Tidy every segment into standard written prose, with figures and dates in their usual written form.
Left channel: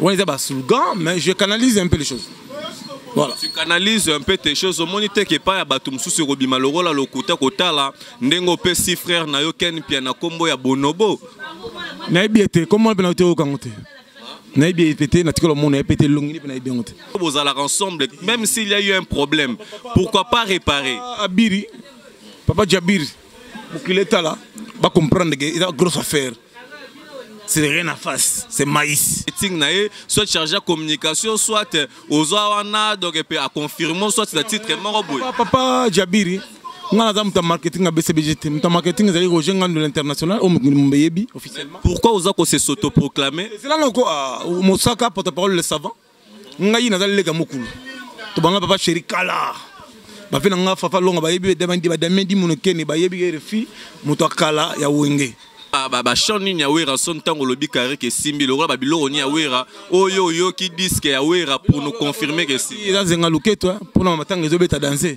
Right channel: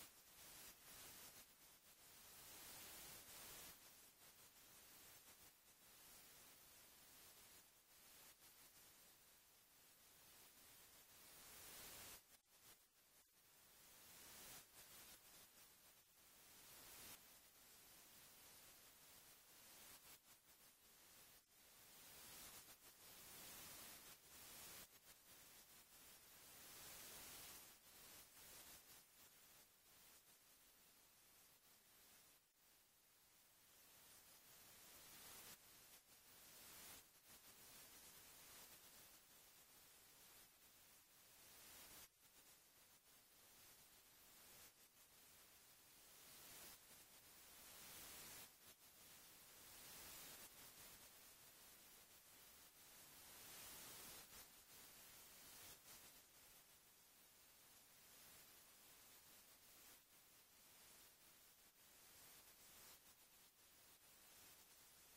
On est à slogan, mais je canalise un peu les choses. Voilà. Tu canalises un peu tes choses. Au moins, tu n'es pas à Batum sous Robima Lorola, le Kouta Kotala, Nengo P. si frère Nayo Ken Piana Combo ya Bonobo. Naïbiété, comment on peut au Kangote? Naïbiété, naturellement, on a pété long, Vous allez ensemble, même s'il y a eu un problème, pourquoi pas réparer? Abiri, Papa Djabir, pour qu'il est là, va comprendre qu'il y a une grosse affaire. C'est rien à face, c'est maïs. Soit chargé de communication, soit aux Awana, donc à confirmer, soit le titre est Papa Djabiri, on a un marketing à BCBGT, un marketing aux gens de l'international, officiellement. Pourquoi vous avez s'autoproclamer? C'est là où Mosaka, porte-parole le savant, on a eu les Gamokul. Tu vas papa chéri Kala. Bah, fait un fafa long, bah, yébi, demandi mon ken, bah, yébi, refi, Motokala, ya wenge. Bah chani nyawera son tango lobi carré que simbi le roi babilo ni awera oyo yo qui disent que awera pour nous confirmer que si il a zenga luke toi pour na matanga zo beta danser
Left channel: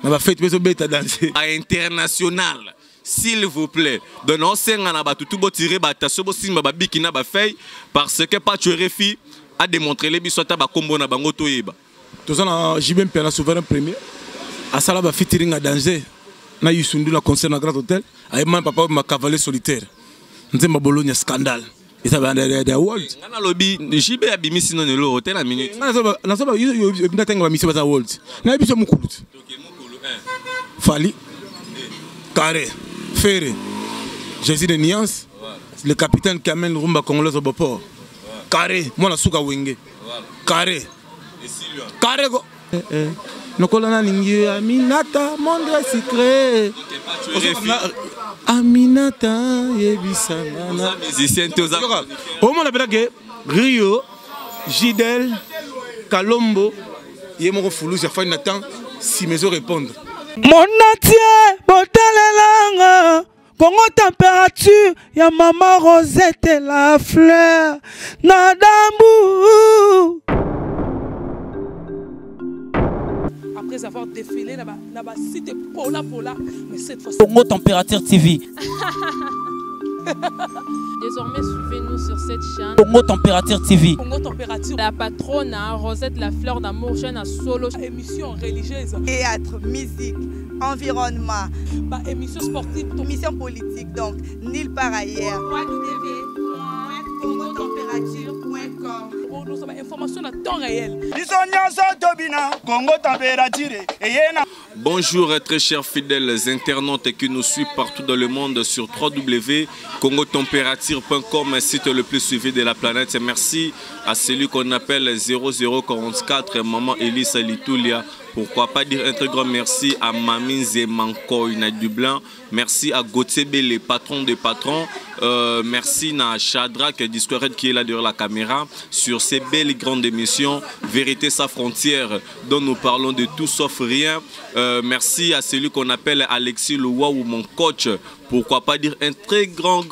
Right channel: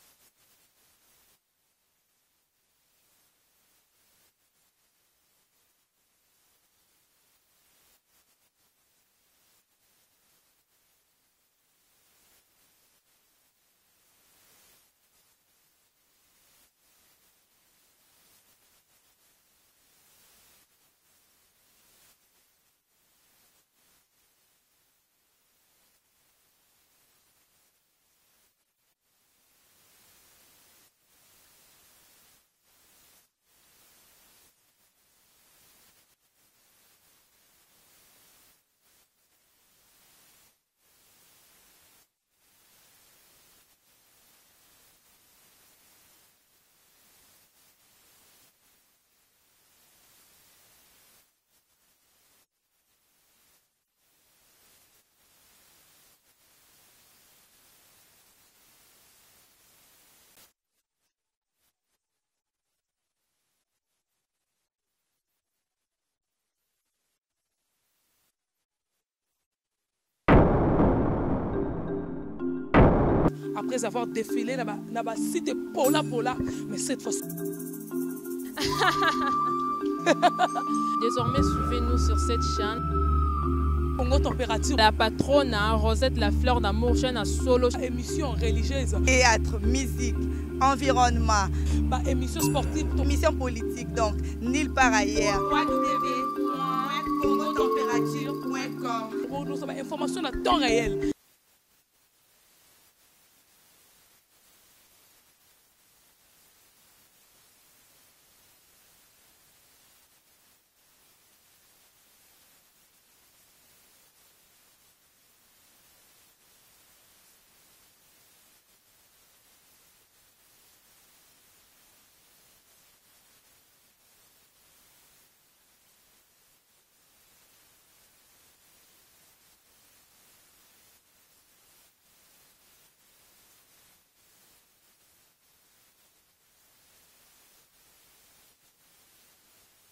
na ba fête zo beta danser à international s'il vous plaît donc on senga na ba tout bo tirer ba taso bo simba ba bikina ba fay parce que pas tu refi a démontré les bisota ba kombo na bango to yeba to ça na jibem pena souverain premier à sala ba featuring à danger na yusundu la concert na Grand Hôtel avec mon papa ma cavalier solitaire nzemba Bologna scandale et ça va der world ngana lobi jibe ya bimisi non le hôtel à minute na so ba yo ndatenga ba mission ba world na biso mukulu Fali Carré Ferré Jésus de Niance le capitaine qui amène rumba congolaise au port Carré moi la suka wenge Carré Carré go Nokolana ningi Aminata monde secret Aminata yebisangana musicien toza au moins la blague Rio Gidel Kalombo yemo fulu ya fin Nathan si mes répondre mon natie botalelanga Congo température ya maman Rosette la fleur Nadambu. Après avoir défilé là-bas, site Pola, mais cette fois-ci. Congo Température TV. Désormais, suivez-nous sur cette chaîne. Congo Température TV. Congo Température. La patronne, Rosette la fleur d'amour, chaîne à solo. Émission religieuse. Théâtre, musique, environnement. Émission sportive. Émission politique, donc, nulle part ailleurs. www.congotempérature.com. Pour nous avons information à temps réel. Bonjour très chers fidèles internautes qui nous suivent partout dans le monde sur www.congotempérature.com, site le plus suivi de la planète. Merci à celui qu'on appelle 0044, Maman Elisa Litoulia. Pourquoi pas dire un très grand merci à Mamine Zemankoy na Dublin. Merci à Gauthier B, les patrons des patrons. Merci à Shadrach Discored qui est là derrière la caméra sur ces belles grandes émissions Vérité sans frontières dont nous parlons de tout sauf rien. Merci à celui qu'on appelle Alexis Loua ou mon coach. Pourquoi pas dire un très grand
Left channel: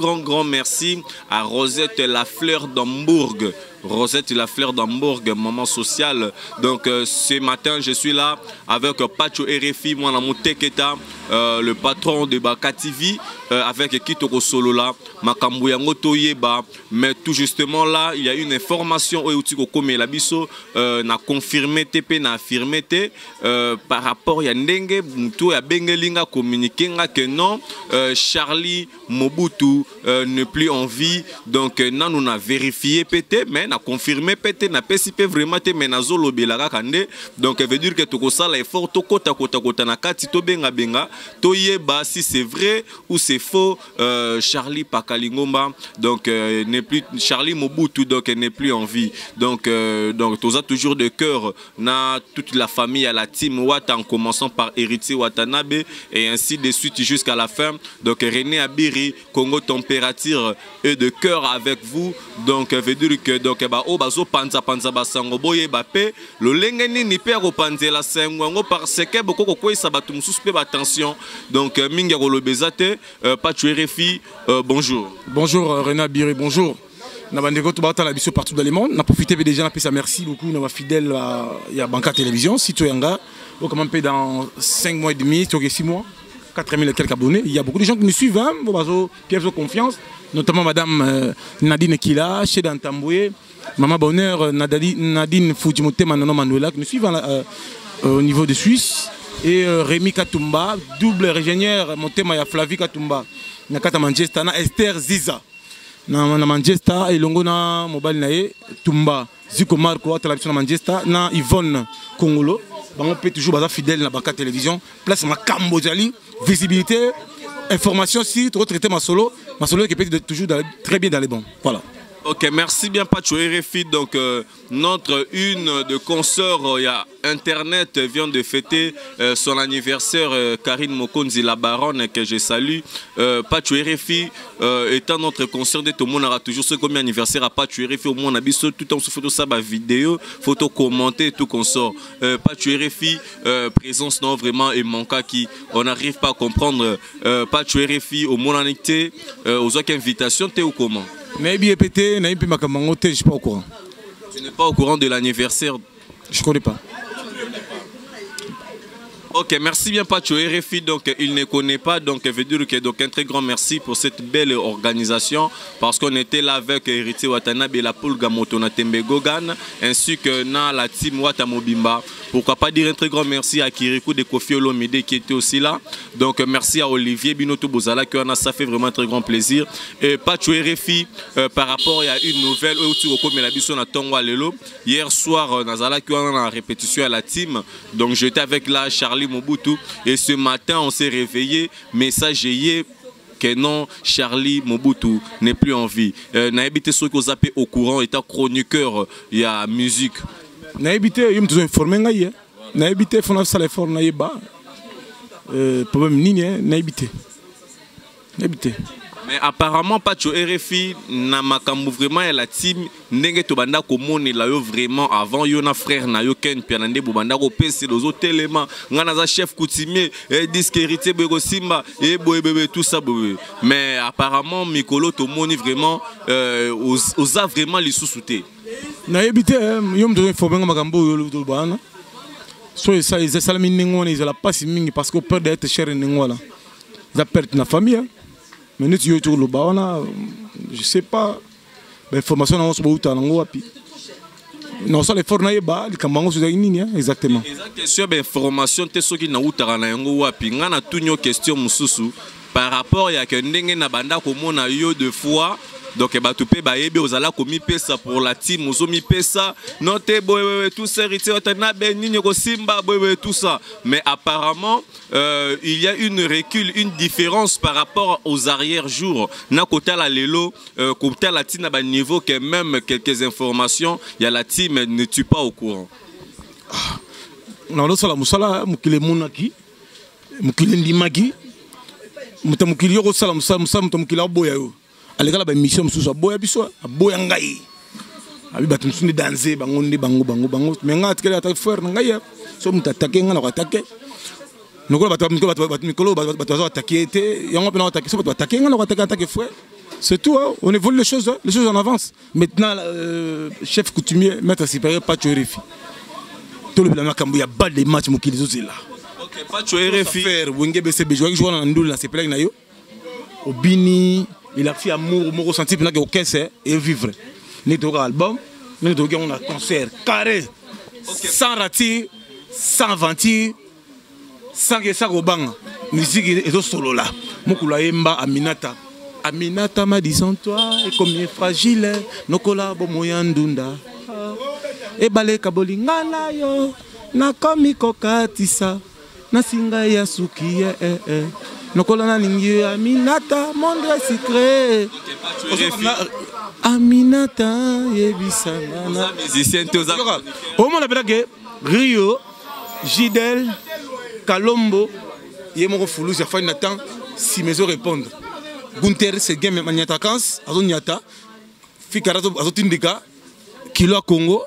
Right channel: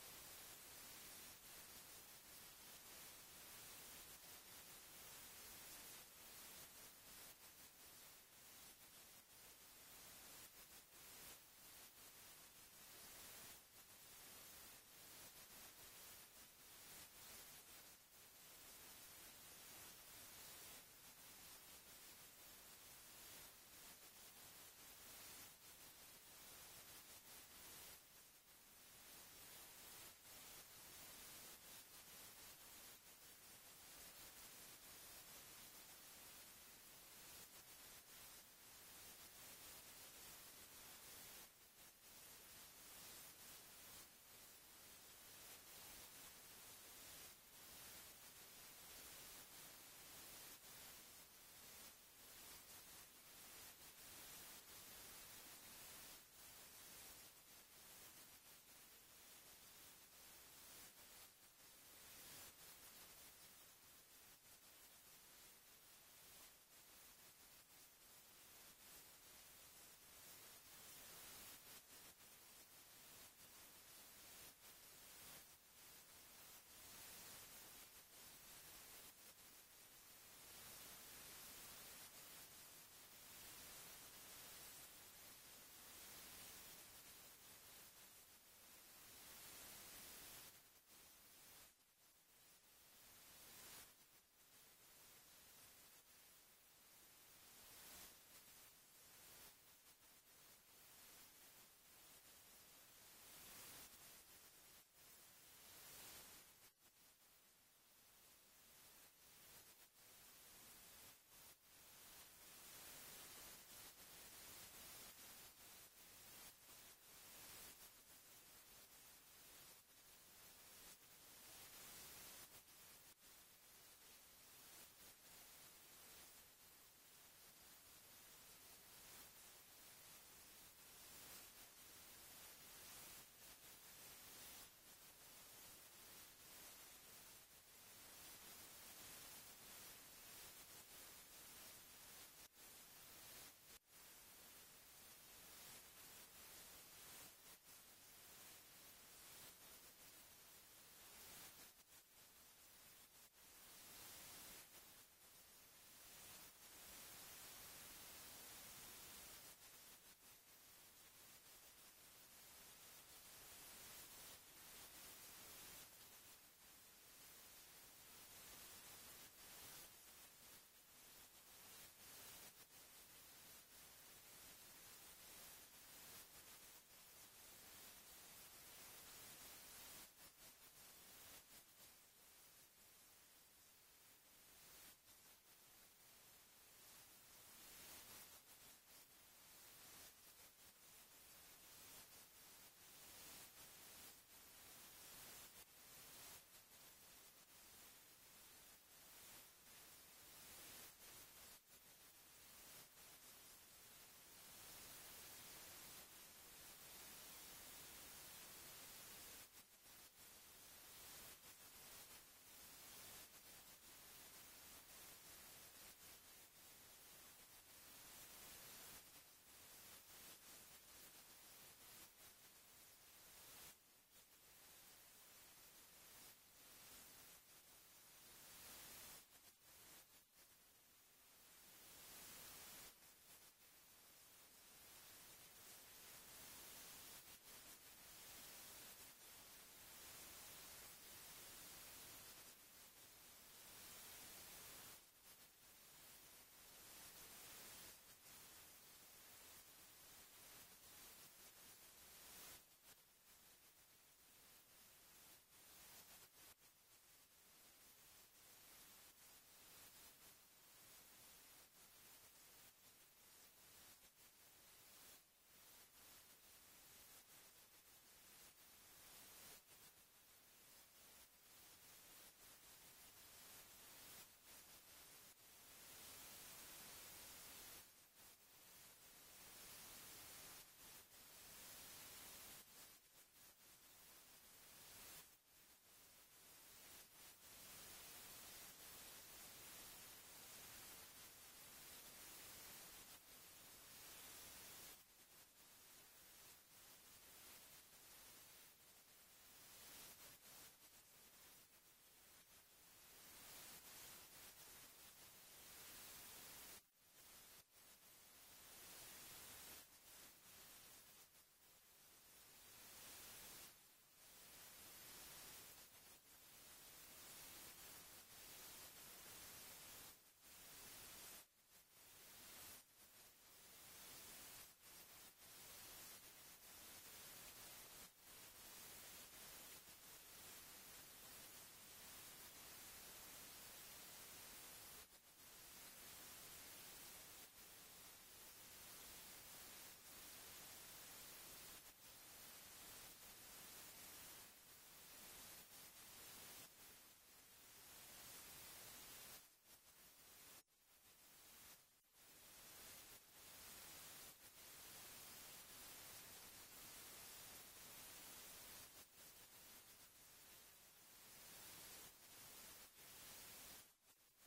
merci à Rosette la fleur d'Hambourg. Rosette la fleur d'Hambourg, maman sociale. Donc ce matin je suis là avec Pacho RFI, moi la Teketa, le patron de Baka TV, avec Kitoko Solo là, Makambu Yango Toyeba. Mais tout justement là, il y a une information où Utiko Kome Labiso n'a confirmé TP, n'a affirmé par rapport à Ndenge, Moutou à Bengelinga communiqué que non, Charlie Mobutu n'est plus en vie. Donc non, on a vérifié PT, mais on a confirmé PT, n'a pas si vraiment te menazolo belaga kande. Donc veut dire que tout ça là est fort, to kota na kati to benga benga, to yeba si c'est vrai ou c'est faux. Charlie Pakalingomba, donc n'est plus Charlie Mobutu, donc n'est plus en vie. Donc tout ça toujours de cœur na toute la famille à la team Wata en commençant par Héritier Watanabe et ainsi de suite jusqu'à la fin. Donc René Abiri, Congo Température est de cœur avec vous. Donc veut dire que donc ba o bazo panza basango boye bape lo lengeni ni pe ko panzela sengo parce que beaucoup ko ça batu mususu pe attention. Donc minga ko lo bezate pas tu RFI bonjour. Bonjour René Abiri, bonjour. Nabandeko to bata la biso partout dans le monde. Na profité déjà na pesa merci beaucoup na fidèle il y a Banca Télévision site yanga. Au comment dans 5 mois et demi, tu 6 mois. 4000 et quelques abonnés. Il y a beaucoup de gens qui me suivent, hein, qui ont confiance, notamment Madame Nadine Kila, Cheda Ntamboué, Maman Bonheur, Nadine Fujimotema, Nano Manuela, qui me suivent au niveau de Suisse. Et Rémi Katumba, double ingénieur, Motema ya Flavie Katumba, Nakata Manchester, Esther Ziza, na Manchester, et Longona Mobile Nae, Tumba, Zico Marco, télévision Manchester, na Yvonne Congolo. On peut toujours être fidèle dans la télévision. Place ma Cambodjali, visibilité, information, si tu retraites ma solo qui peut toujours très bien dans les bons. Voilà. Ok, merci bien Pacho RFI. Donc notre une de consoeurs, il y a Internet vient de fêter son anniversaire, Karine Mokonzi la baronne que je salue. Pacho RFI étant notre consoeur de tout le monde aura toujours ce comme anniversaire à Pacho RFI au monde a tout le temps sur photo ça vidéo, photo commenter tout consort. Pacho RFI présence non vraiment et manqua qui on n'arrive pas à comprendre. Pacho RFI au monde annecté aux autres invitations t'es ou comment? Je ne suis pas au courant. Tu n'es pas au courant de l'anniversaire? Je ne connais pas. Ok, merci bien Pacho RFI, donc il ne connaît pas, donc veut dire que donc un très grand merci pour cette belle organisation parce qu'on était là avec Héritier Watanabe et la poule Gamotona Tembe Gogan ainsi que na la team Watamobimba. Pourquoi pas dire un très grand merci à Kirikou de Kofi Olomide qui était aussi là. Donc merci à Olivier Binoto Bozala qui en a, ça fait vraiment un très grand plaisir. Et Pacho RFI par rapport à une nouvelle hier soir Nazala qui en a répétition à la team. Donc j'étais avec la Charlie Mobutu et ce matin on s'est réveillé, message que non, Charlie Mobutu n'est plus en vie. Naïbité ceux qui ont zappé au courant, étant chroniqueur, il y a musique. Naïbité, il me informé ngaïe. Naïbité, faut faire l'effort naïba. Problème ni naïbité. Naïbité. Mais apparemment Pacho RFI na makambu vraiment la team ndenge to banda ko moni la yo vraiment avant yo na frère na yo Ken Pianande banda ko pese les autres éléments ngana za chef coutumier et disque héritier Bego Simba et boye tout ça boye. Mais apparemment Mikolo to moni vraiment osa vraiment les sous-souter. Na ebité yo mdo informer makambu yo lo bana. So ça ils salami ningona ils la passe mingi parce que peur d'être cher ningona. Ils perdent na famille. Mais nous, je ne sais pas. L'information est en train de non, ça les fornes exactement. Question d'information, tu sais qui na utara na yango wapi. Ngana tunyo question mususu par rapport à que ndenge na banda komo na yo de fois. Donc batupé baebi ozala komi pesa pour la team ozomi pesa noté boye tout ça héritier otana benini ko simba boye tout ça. Mais apparemment il y a une recul, une différence par rapport aux arrière jours. Na kota la lelo kota la team na ba niveau que même quelques informations, il y a la team ne tue pas au courant. Non lo sala musala mukile munaki mukile ndimaki mutamukili yo sala musala mutamukila boya yo. Allez la mission sous boya biso boya ngai abi batu msundi danser bango mais nga atkele attaque faire ngai so mutattaquer nga na attaquer noko batu mikolo batu attaquer té yango pena attaquer so batu attaquer nga na attaquer frère. C'est tout, hein? On évolue les choses en avance. Maintenant chef coutumier maître supérieur Pacho RFI tout le blama kambu ya bal des matchs mokili zozela. OK, Pacho RFI faire wenge BCB jouer na ndula c'est plein na yo obini. Il a fait amour, mon ressenti, il n'a aucun c'est et vivre. Nous avons un album, nous avons un concert carré, sans ratir, sans ventir, sans que ça robang. Musique est au solo là. Mokula Yemba Aminata. Aminata m'a dit sans toi, et comme il est fragile, nos collabos moyandunda. Et balé kaboli ngala yo, na komi kokatisa, na singa yasuki Nokolana ningi Aminata monde secret. Aminata yebisana. Musicien toza. Au moment la que Rio, Gidel, Kalombo, yemoko fulu ça fait Nathan si mes répondre. Gunther c'est game maniata kans, azonyata. Fikarato azotindika Kilo Congo,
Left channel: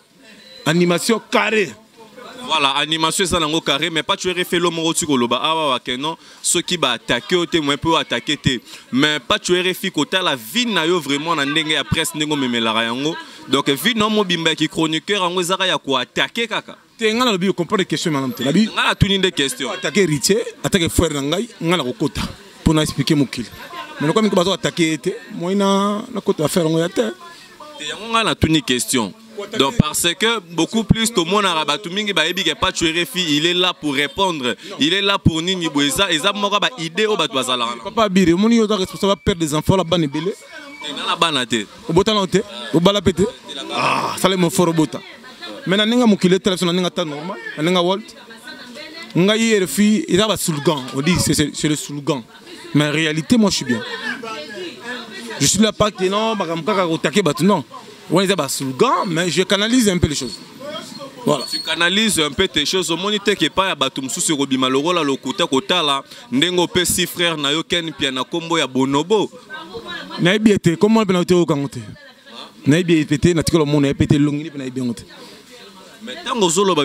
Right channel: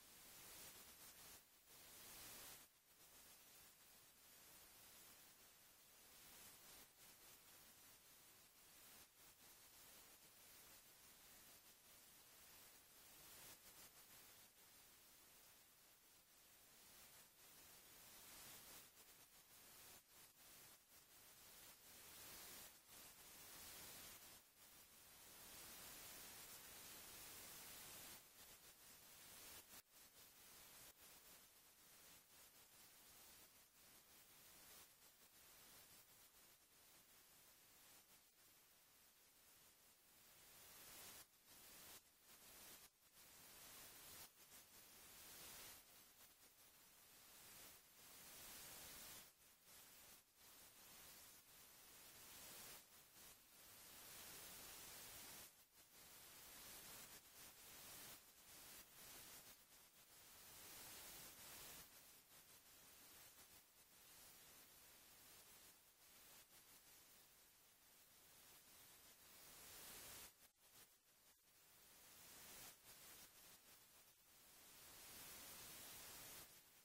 animation carré. Voilà, animation ça nango carré, mais pas tu es refait l'homme au tukoloba. Ah ouais, non, ceux qui va attaquer au témoin peut attaquer té. Mais pas tu es refait côté la vie na yo vraiment na ndenge ya presse ndenge memela yango. Donc vie non mo bimba qui chroniqueur yango zara ya ko attaquer kaka. te ngana lobi comprendre question madame te labi ngana tuni des questions attaquer héritier attaquer frère ngai ngana kokota pour na expliquer mokili mais comme ko bazo attaquer te moi na kota faire ngoya te yango ngana tuni question. Donc parce que beaucoup plus tout le monde a rabattu mingi ba ebi ke pas tuer fi, il est là pour répondre, il est là pour nini boeza et ça moko ba idée o ba twazala. Papa bire moni yo responsable perdre des enfants la bane belé. Na la banate. O bota na te, o bala pété. Ah, ça le mo foro bota. Maintenant ninga mukile téléphone ninga ta normal, ninga Walt. Nga hier fi, il a ba slogan, on dit c'est le slogan. Mais en réalité moi je suis bien. Je suis là pas que non, ba kamka ko taquer ba non. Ouais, c'est un slogan, mais je canalise un peu les choses. Voilà. Tu canalises un peu tes choses. Au moniteur qui est pas à Batum sous Robima le rôle à l'okota kota là. N'engo pe si frère na yo ken piana combo ya bonobo. Na biete comment on peut noter au kangote. Na biete na tikolo mon na pété longini na biente. Mais tant que Zolo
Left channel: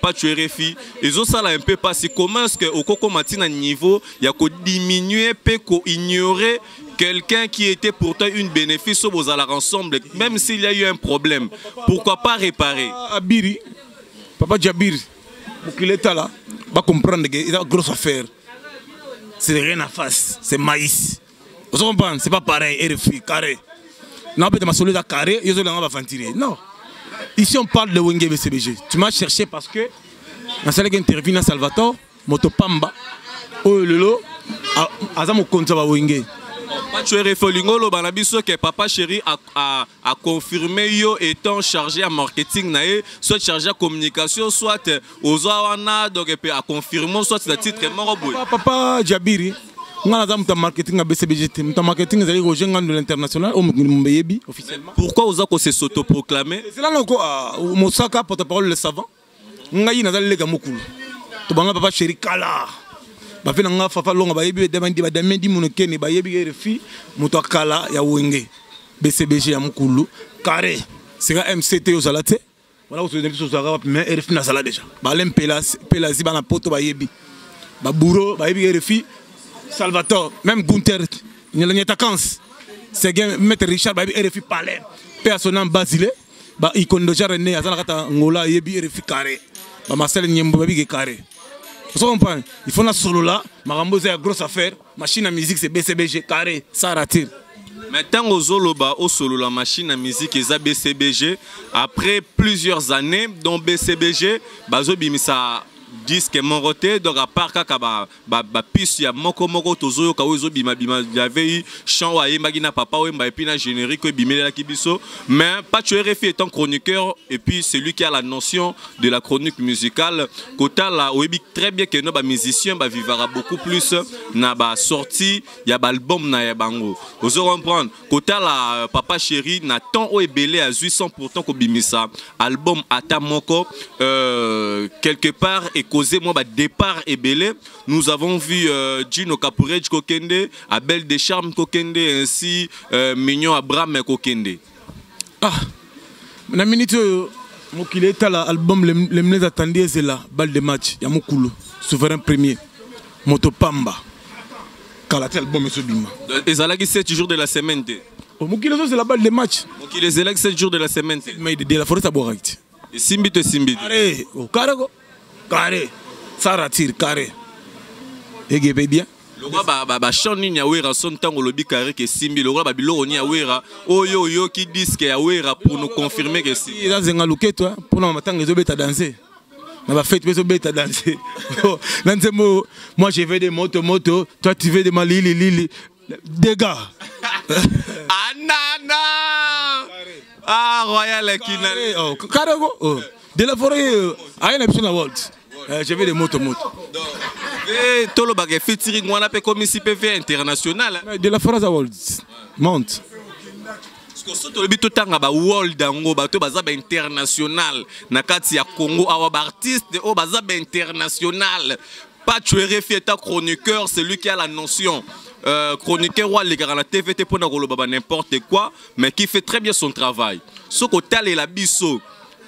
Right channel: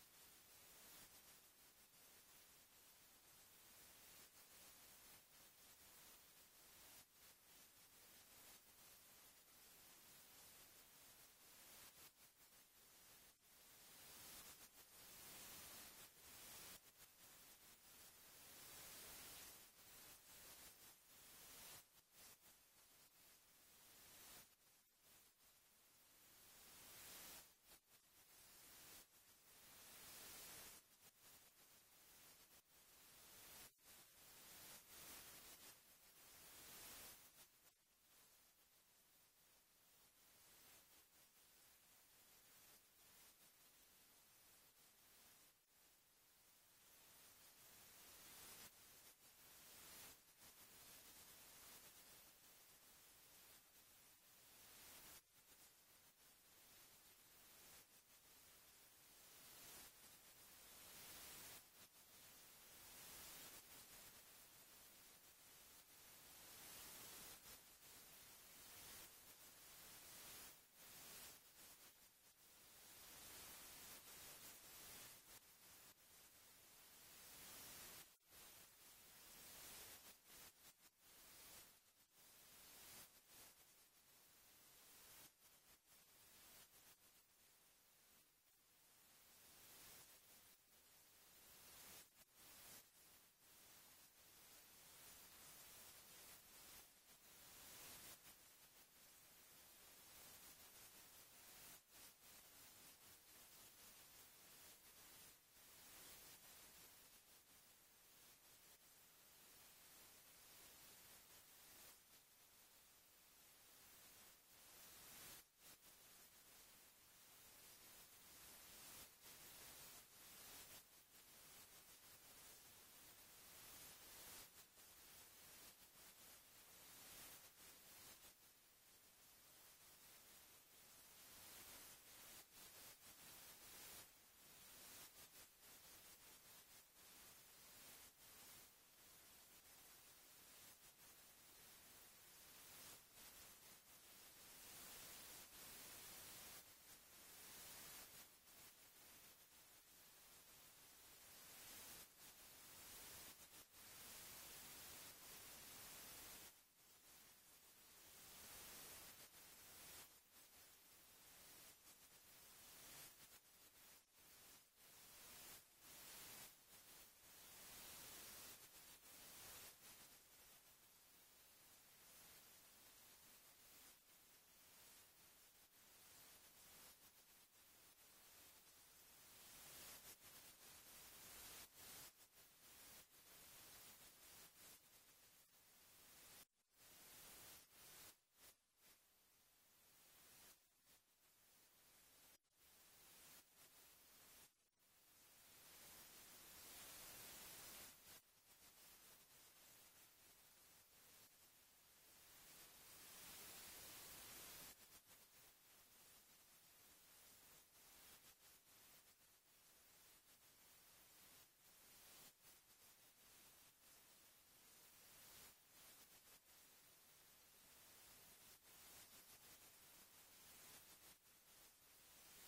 pas tuer fi, ils ont ça là un peu passé. Comment est-ce que au Coco Matina niveau, il y a qu'au diminuer, peut qu'au ignorer quelqu'un qui était pourtant une bénéfice aux alliés ensemble, même s'il y a eu un problème. Pourquoi pas réparer? Abiri, Papa Djabir, pour qu'il est là, va comprendre qu'il y a une grosse affaire. C'est rien à face, c'est maïs. Vous comprenez? C'est pas pareil, RFI, carré. Non, peut-être ma solide à carré, ils ont va ventiler. Non. Ici, on parle de Wenge BCBG. Tu m'as cherché parce que dans celle qui intervient à Salvatore, Motopamba, Lolo, Azamo Konzaba Wenge. Tu es réfolingolo, banabiso que papa chéri a confirmé yo étant chargé à marketing soit chargé à communication, soit aux awana donc a confirmé soit le titre moroboy. Papa Djabiri, on a un marketing à BCBG, un marketing aux jeunes de l'international au Mbeyebi officiellement. Pourquoi aux accords s'autoproclamer? C'est là encore au Mosaka porte-parole le savant. On a eu nazali les gamokulu. To banga papa chéri kala. Ba fe nga fafa longa ba yebi demandi ba demandi monokeni ba yebi refi moto kala ya wenge BCBG ya mukulu carré c'est un MCT aux alate voilà vous devez tous savoir mais refi na sala déjà ba lem pelazi ba na poto ba yebi ba bourreau ba yebi refi Salvatore même Gunther ni la nyatacance c'est game maître Richard ba yebi refi palais personnel Basile ba ikondo jarene azana kata ngola yebi refi carré ba Marcel Nyembo ba yebi carré. Vous comprenez? Il faut la solo là, Marambo c'est une grosse affaire, machine à musique c'est BCBG carré, ça rattire. Maintenant au Zoloba, au solo la machine à musique est BCBG. Après plusieurs années, dont BCBG, Bazo Bimisa disque monroté donc à part kaka piste ya moko tozo ka ozo bima il y avait eu chant wa magina papa et puis na générique bimela kibiso mais pas tu RFI étant chroniqueur et puis c'est lui qui a la notion de la chronique musicale kota la obi très bien que nos musiciens vivra beaucoup plus na ba sortie ya ba album na ya bango ozo comprendre kota la papa chéri na temps o ebelé à 800% ko bimisa album ata moko quelque part et causé moi départ et belé. Nous avons vu Gino Capurej Kokende, Abel Descharmes Kokende ainsi Mignon Abraham Kokende. Ah, na minute mokile tala album les mnes attendiez c'est là balle de match ya mokulu souverain premier Motopamba kalatel album monsieur Bima. Et ça là qui 7 jours de la semaine. Mokile c'est la balle de match. Mokile c'est là 7 jours de la semaine. Mais de la forêt à Boraït. Et Simbi. Carré, au carré, ça rattire carré. Et bien. Le roi ba chani ni awera son tango lobi carré que Simbi le roi ba biloro ni awera oyo qui disent que awera pour nous confirmer que si. Il a zenga luke toi pour nous matin les obéta danser. Na ba fête les obéta danser. Moi je vais des moto, toi tu veux des lili dégâts. Anana. Ah Royal Kinale. Oh carré oh. De la forêt à une émission à Walt. Je vais des moto. Et tout le bagage featuring on appelle comme ici PV international. De la forêt à Walt. Monte. Parce que tout le but tanga ba world dango ba to baza ba international na kati ya Congo awa ba artiste o baza ba international. Pas tuer ta chroniqueur, c'est lui qui a la notion. Chroniqueur ou les gars la TVT pour n'importe quoi, mais qui fait très bien son travail. Ce côté est la biso.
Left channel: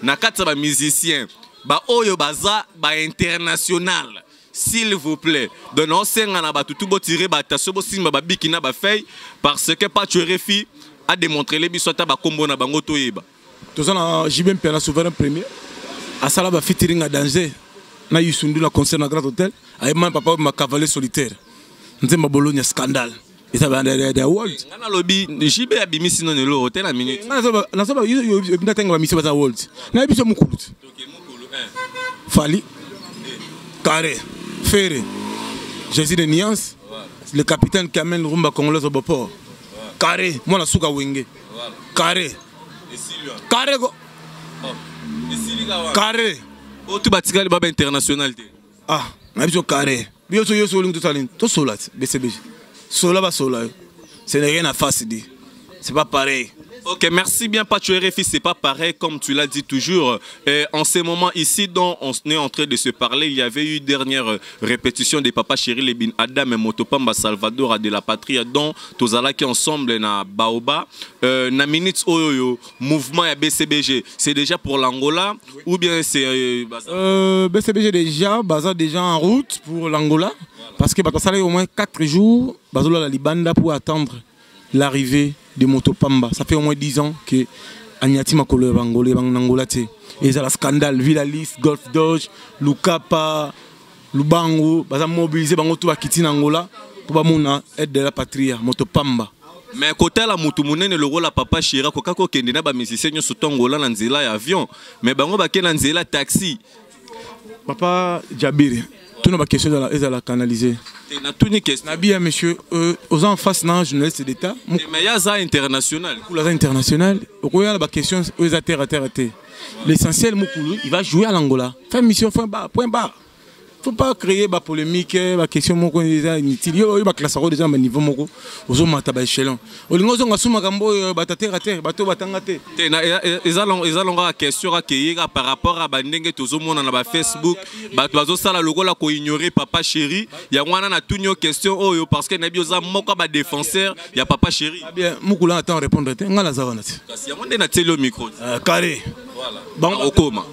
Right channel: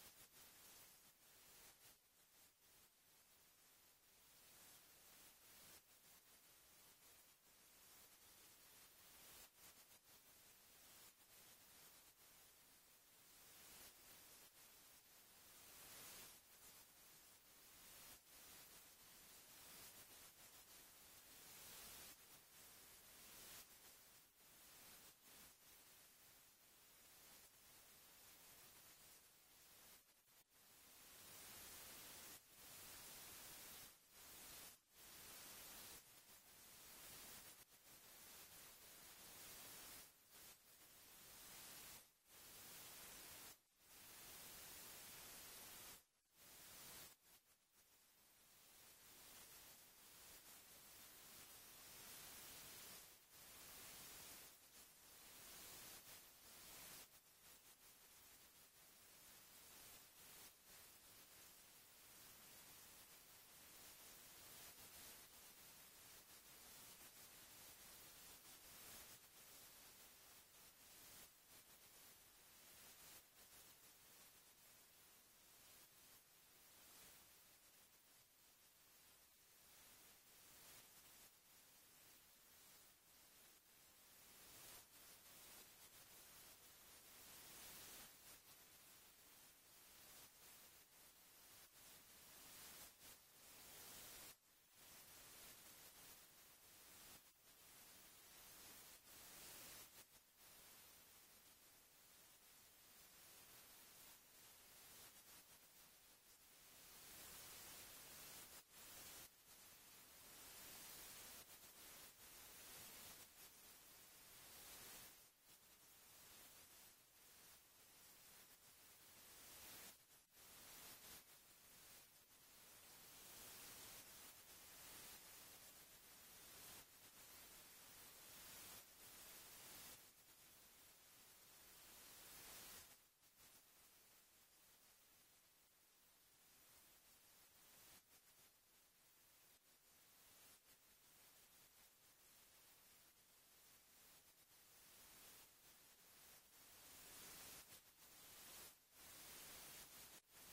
Nakata ba musicien ba oyo baza ba international s'il vous plaît donc on senga na ba tout bo tirer ba taso bo simba ba bikina ba fay parce que pas tu refi a démontré les biso ta ba kombo na bango toyeba to ça na JBM na souverain premier asala ba featuring à danger na Yusundu na concert na Grand Hôtel ayema papa ma cavalier solitaire nzemba Bologna scandale et ça va des world ngana lobi JB abimisi non le hôtel à minute na soba yo ndatenga ba mission ba world na biso mukulu Fali Carré Ferré Jésus de Niance le capitaine qui amène Rumba Congolaise au port Carré moi la souka wenge Carré Carré go Carré oh tu batika le baba international ah na biso Carré bio so yo so lingo to talent to solat BCBG sola ba sola ce n'est rien à faire c'est pas pareil. Ok, merci bien, Pacho RFI, c'est pas pareil comme tu l'as dit toujours. En ce moment ici, dont on est en train de se parler, il y avait eu une dernière répétition des Papa Chéri, les Bin Adam et Motopamba Salvador de la Patrie, dont Tozala qui ensemble na Baoba, na minutes oyo mouvement à BCBG. C'est déjà pour l'Angola ou bien c'est BCBG déjà, déjà en route pour l'Angola, parce que ça a au moins 4 jours, Bazola la Libanda pour attendre l'arrivée de Motopamba. Ça fait au moins 10 ans que Agnati Makolo Bangolé Bangola et il y a le scandale Villalis, Golf Dodge, Lukapa, Lubango, baza mobilisé bango tout akiti Angola pour bamona aide de la patrie Motopamba. Mais côté la mutumunene le rôle la Papa Chira ko kako kende na ba musicien nyo soto Angola na nzela ya avion mais bango ba ke na nzela taxi. Papa Djabiri, tout nos questions ils la canaliser. Na tout ni question. Na bien monsieur aux en face na journaliste d'état. Mais ya za international. Pour la international, regarde la question aux à terre. L'essentiel Mukulu, il va jouer à l'Angola. Faire mission point barre. Faut pas créer ba polémique, ba question moko déjà inutile. Yo ba classe déjà ba niveau moko. Ozo mata ba échelon. Olingo zonga suma kambo ba terre bato batanga te. Na ezalonga question akeyeka par rapport à bandenge tozo mona na ba Facebook, bato bazo sala lokola ko ignorer Papa Chéri. Ya wana na tunyo question oyo parce que na bioza moko ba défenseur ya Papa Chéri. Bien, Mukula attend répondre te ngala zawana te. Kasi ya monde na telo micro. Carré. Voilà. Bon okoma.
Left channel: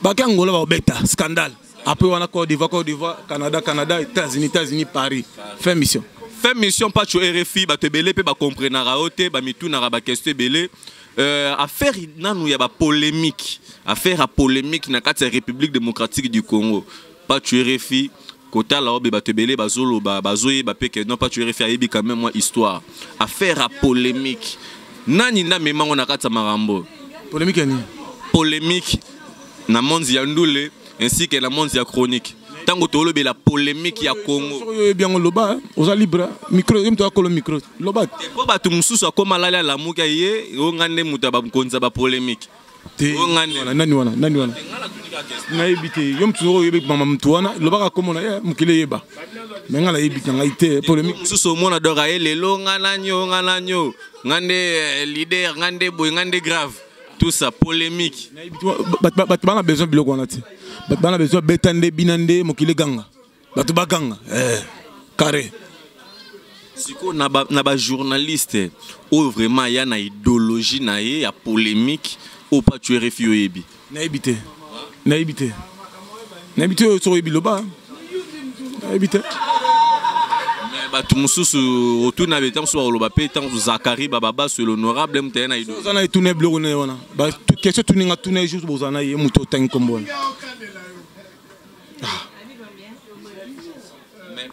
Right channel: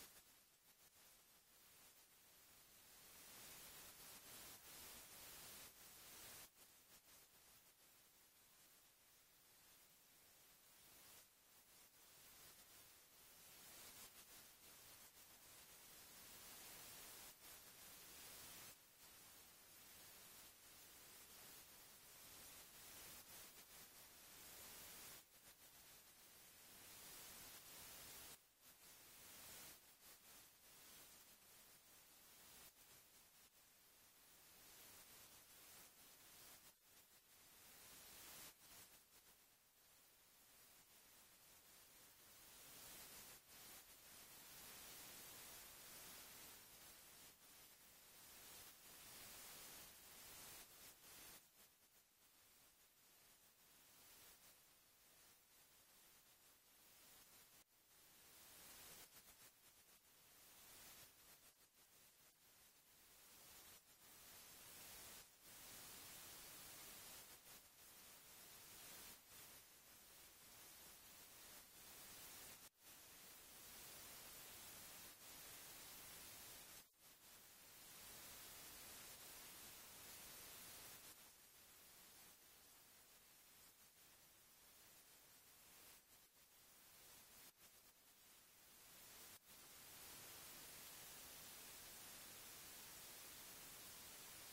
Ba Angola ba beta scandale. Après, on a Côte d'Ivoire, Canada, États-Unis, Paris. Fin mission. Fin mission, pas sur RFI, bah te belé, bah comprendre raoté, bah mitou na ba question belé. Affaire nanou ya ba polémique. Affaire à polémique na kati République démocratique du Congo. Pas sur RFI, kota la obe bah te belé, bah zolo, bah zoé, bah peke non pas sur RFI ayebi quand même moi histoire. Affaire à polémique. Nani na mema on a kati marambo. Polémique ni. Polémique na monde ya ndule. Ainsi que la monde chronique. Tant que la polémique ya Congo. Bien on loba, aux libre micro, il me doit coller micro. Loba. Pourquoi ba tu mususu akoma lala la muka ye, ngande mutaba mkonza ba polémique. Nani wana. Na ebite, yom tsoro yebe mama mtuana, loba ka komona ya mukile yeba. Mengala ebite ngaite polémique. Mususu mona dora ye lelo ngana nyo. Ngande leader, ngande boy, ngande grave. Tout ça polémique. Batman a besoin de biloko wana ti. Batman a besoin betande binande mokile ganga. Batu baganga. Carré. Siko na ba journaliste ou vraiment ya na idéologie na ye ya polémique ou pas tu RFI yebi. Na ebite. So ebiloba. Na ebite. Bato mususu otuna betam so oloba pe tant Zakari Bababa sur l'honorable mtena ido. Zana etune bloko ne wana. Ba question tuninga tune juste bozana ye muto tan kombo. Mais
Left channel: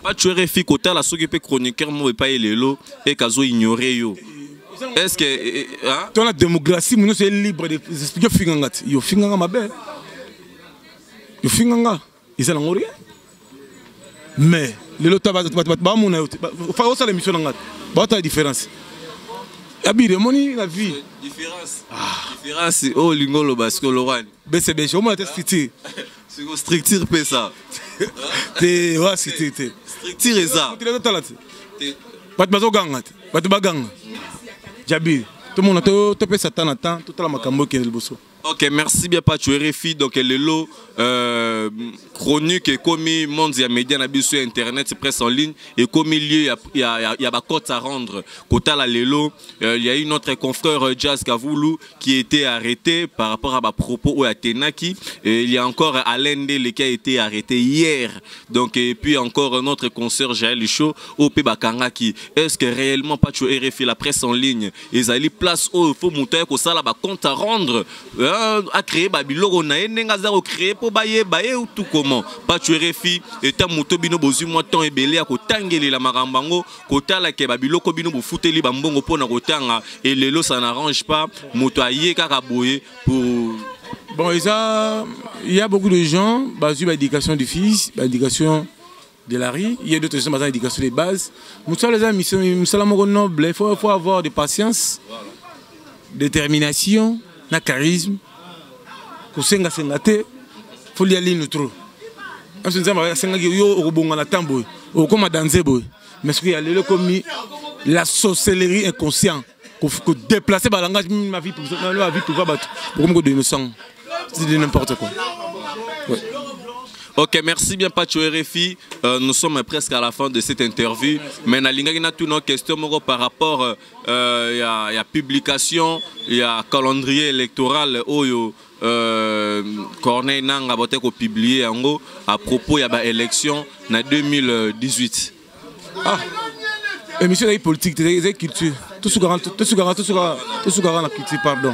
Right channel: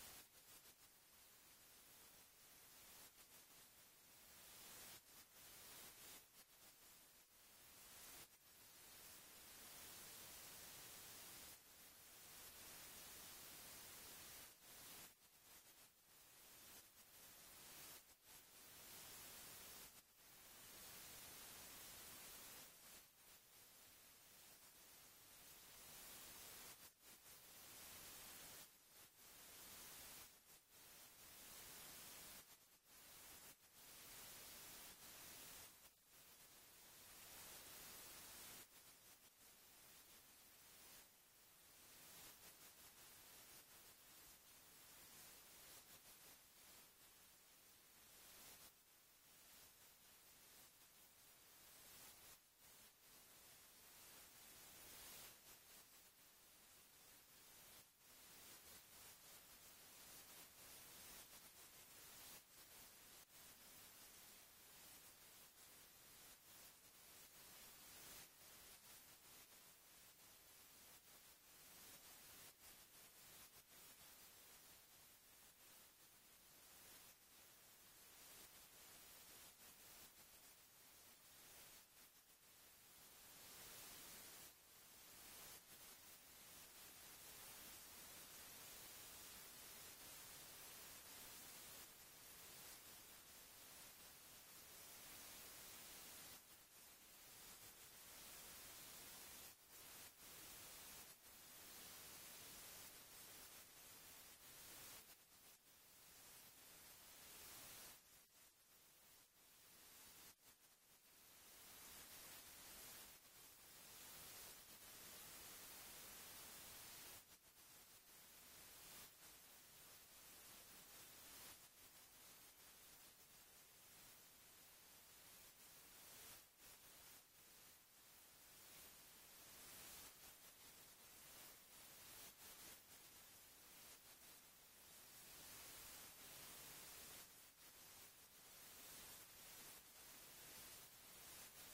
pas tu RFI côté la soki pe chroniqueur mo pas lelo et kazo ignorer yo. Est-ce que dans la démocratie nous c'est libre de expliquer finganga. Yo finganga mabe. Yo finganga. Ils ont rien. Mais les lots ba mona yo fa osa l'émission nanga ba ta différence abire moni la vie différence oh lingolo parce que Laurent BCB au moins structure c'est structure pe ça te wa structure structure ça bat bazo ganga bat baganga jabir tout le monde to pe satana temps tout la makambo ke le bosso. Ok, merci bien Pacho RFI. Donc le lot chronique et comme monde ya média na biso internet presse en ligne et comme lieu il y a ba cote à rendre kota la lelo il y a eu notre confrère Jazz Kavoulou qui a été arrêté par rapport à ba propos au Atenaki et il y a encore Alain Ndele qui a été arrêté hier donc et puis encore notre consoeur Jaël Cho au Pebakanga qui est-ce que réellement pas tu RFI la presse en ligne ils allaient place où il faut monter ko sala ba compte à rendre à créer ba biloko na enenga za créer pour baye ou tout comment pas tu RFI et ta moto bino bozu moi temps ebele ya ko tangeli la marambango ko tala ke ba biloko bino bo futeli ba mbongo pona ko tanga et lelo ça n'arrange pas moto aye kaka boye pour bon il y a beaucoup de gens bazu ba éducation du fils ba éducation de la rue, il y a d'autres gens qui ont l'éducation de base. Nous sommes nobles, il faut avoir de patience, détermination, de charisme. Il faut y aller nous trop. Mais ce qu'il y a la sorcellerie inconsciente, il faut déplacer le langage de ma vie pour c'est de n'importe quoi. Ouais. Ok, merci bien Pacho RFI. Nous sommes presque à la fin de cette interview. Mais nous avons toutes nos questions par rapport à la publication, il y a calendrier électoral où Corneille Nanga a publié à propos de l'élection en 2018. Ah, émission de politique, de culture. Tout ce la culture, pardon.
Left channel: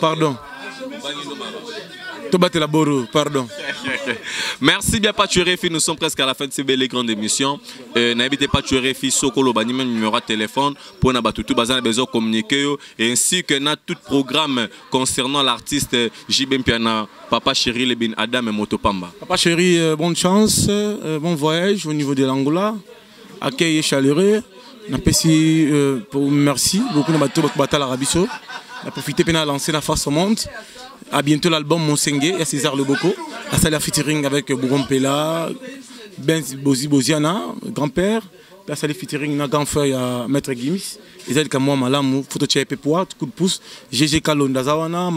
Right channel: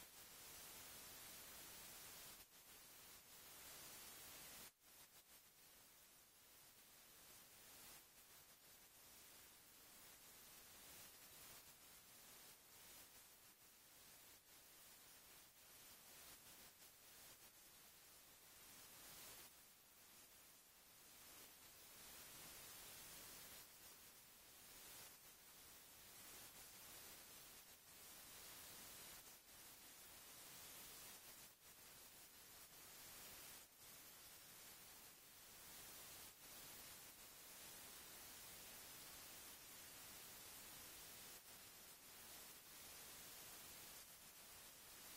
Pardon. Merci bien Paturefi, nous sommes presque à la fin de ces belles grandes émissions. N'hésitez pas Paturefi, Sokolo Banime numéro de téléphone pour n'a tout besoin de communiquer ainsi que na tout programme concernant l'artiste JB Mpiana, Papa Chéri Lebin Adam et Motopamba. Papa Chéri, bonne chance, bon voyage au niveau de l'Angola, accueil chaleureux. Merci beaucoup de battre l'Arabie Saoudite. On a profité de lancer la face au monde. À bientôt l'album Monsengue et César Leboko. À ça la featuring avec Bougon Pela, Ben Boziana, grand-père. À ça la featuring na grand frère à Maître Gims. Et c'est comme moi malam photo tchèpe poids coup de pouce. GG Kalonda Zawana,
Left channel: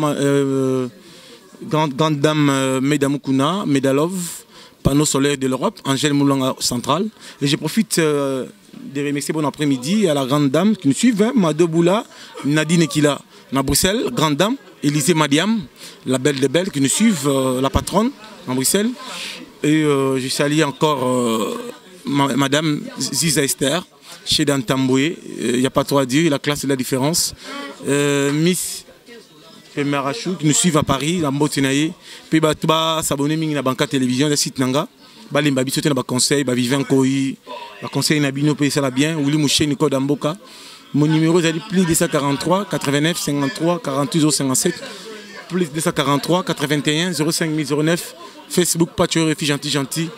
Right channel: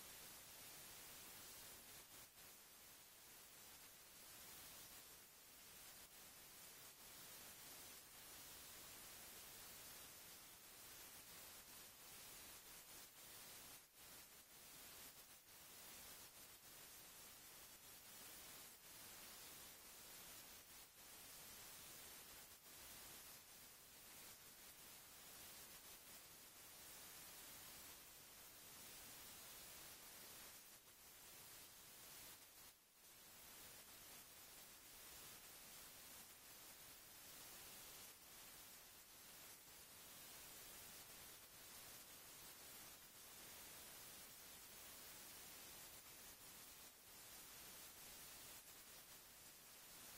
grande dame Medamukuna, Medalov, panneau solaire de l'Europe, Angèle Moulanga centrale. Et je profite de remercier bon après-midi à la grande dame qui nous suit, Mado Boula, Nadine Ekila, à Bruxelles, grande dame. Élisée Madiam, la belle des belles qui nous suivent, la patronne en Bruxelles. Et je salue encore Madame Ziza Esther, chez Dan Tamboué. Il n'y a pas trop à dire, la classe de la différence. Miss Pemarachou qui nous suivent à Paris, la Mbotinaye. Puis s'abonner à la banque télévision, le site Nanga. Les babis ba conseil, ba vivant koi, ba conseil nabino paye ça bien. Ouli Mouché Nico Damboka. Mon numéro est plus 243 89 53 48 057 plus 243 81 05 009 Facebook Patcho Refi gentil.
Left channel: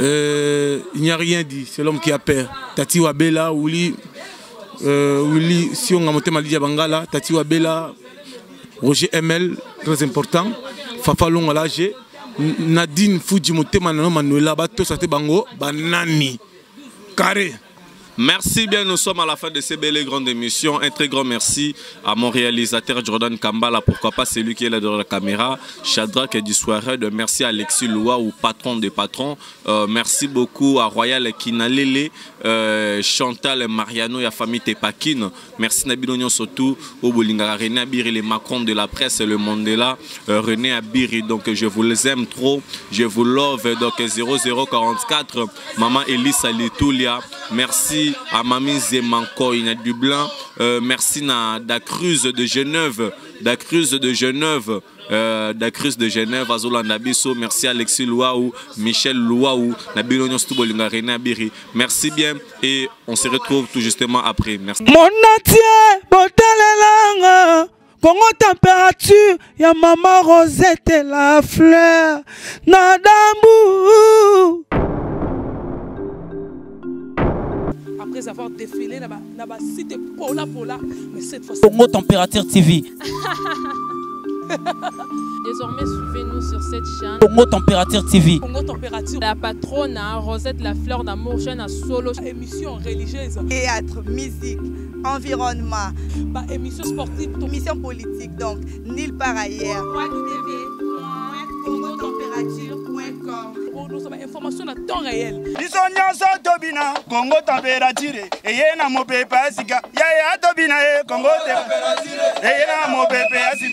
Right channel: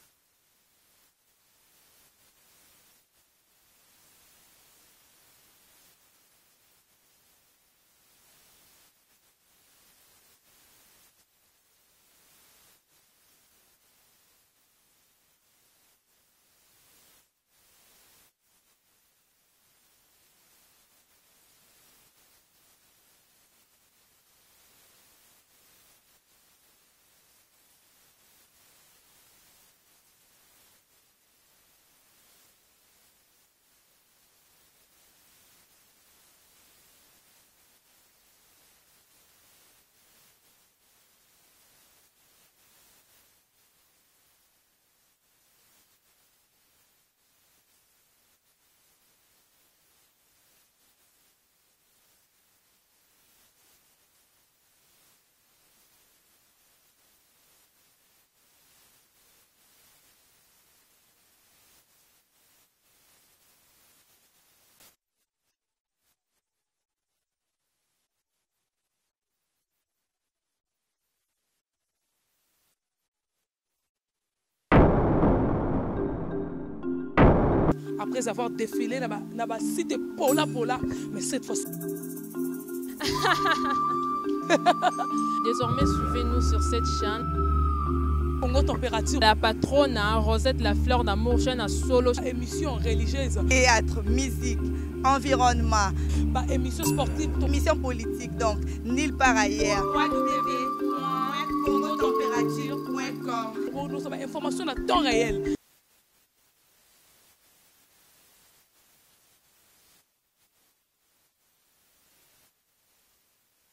Il n'y a rien dit, c'est l'homme qui a peur. Tati Wabela, Ouli, si on a monté Malidia Bangala, Tati Wabela, Roger ML, très important. Fafalong à l'âge, Nadine Fujimote Manano Manuela, Bato Sate Bango, Banani, Carré. Merci bien, nous sommes à la fin de ces belles grandes émissions. Un très grand merci à mon réalisateur Jordan Kambala, pourquoi pas c'est lui qui est là dans la caméra. Shadrach et du soirée, merci à Alexis Loua, ou patron des patrons. Merci beaucoup à Royal Kinalele, Chantal Mariano et la famille Tepakine. Merci Nabidonion surtout au Bolinga, René Abiri, les Macron de la presse, le Mandela, René Abiri. Donc je vous les aime trop, je vous love. Donc 0044, Maman Elisa Litoulia. Merci à Mamie Zemankoy na du Blanc, merci à Dacruz de Genève, Azola Nabiso, merci à Alexis Louaou, Michel Louaou, Nabilonion Stoubolinga, René Abiri. Merci bien et on se retrouve tout justement après. Merci. Mon atier, botalelanga, Congo température, ya maman Rosette et la fleur, Nadambu. Après avoir défilé dans la cité Pola, mais cette fois-ci. Congo Température TV. Désormais, suivez-nous sur cette chaîne. Congo Température TV. Congo Température. La patronne, Rosette la fleur d'amour, chaîne à solo. Émission religieuse. Théâtre, musique, environnement. Émission sportive. Émission politique, donc, nulle part ailleurs. congotempérature.com. Pour nous avoir information à temps réel. Bisonyanso tobina Congo température eyena mopepe asika ya tobina Congo température eyena mopepe asika